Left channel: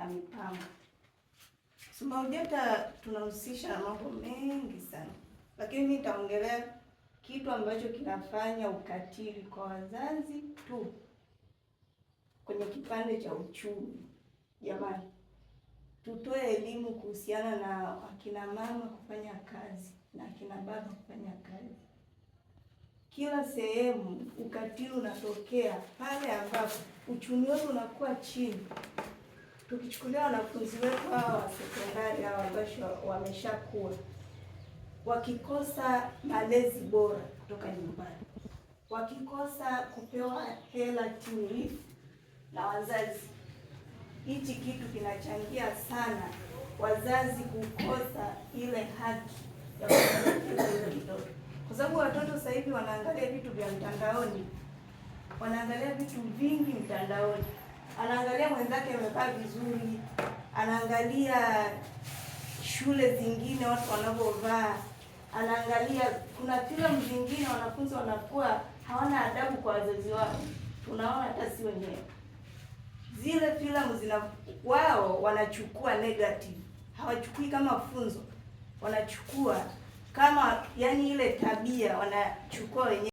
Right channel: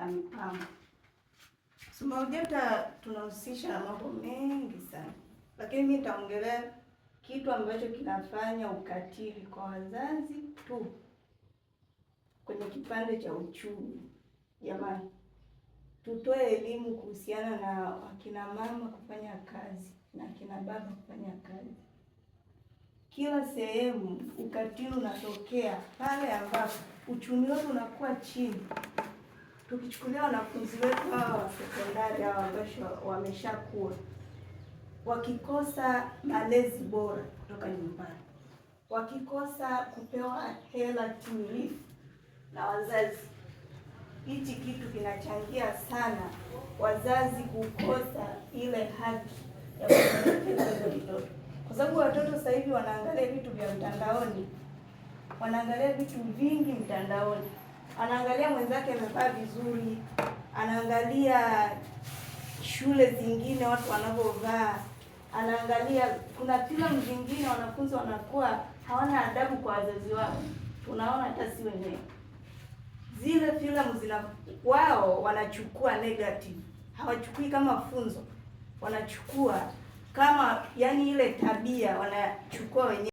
na mipango. SMAUJATA tunahusisha na mambo mengi sana, lakini mimi nitaongelea kitu ambacho kinafanya ukatili kwa wazazi tu kwenye kipande cha uchumi. Jamani, tutoe elimu kuhusiana na akina mama kufanya kazi na akina baba kufanya kazi. Kila sehemu ukatili unatokea pale ambapo uchumi wetu unakuwa chini. Tukichukulia wanafunzi wetu hawa wa sekondari hawa ambao wameshakuwa, wakikosa malezi bora kutoka nyumbani, wakikosa kupewa hela timilifu na wazazi, hichi kitu kinachangia sana wazazi kukosa ile haki ya kuelekeza watoto, kwa sababu watoto sasa hivi wanaangalia vitu vya mtandaoni, wanaangalia vitu vingi mtandaoni, anaangalia mwenzake amevaa vizuri, anaangalia shule zingine watu wanavyovaa, anaangalia kuna filamu zingine wanafunzi wanakuwa hawana adabu kwa wazazi wao. Tunaona hata si wenyewe zile filamu wao wanachukua negative, hawachukui kama funzo, wanachukua kama yani ile tabia wanachukua wenyewe.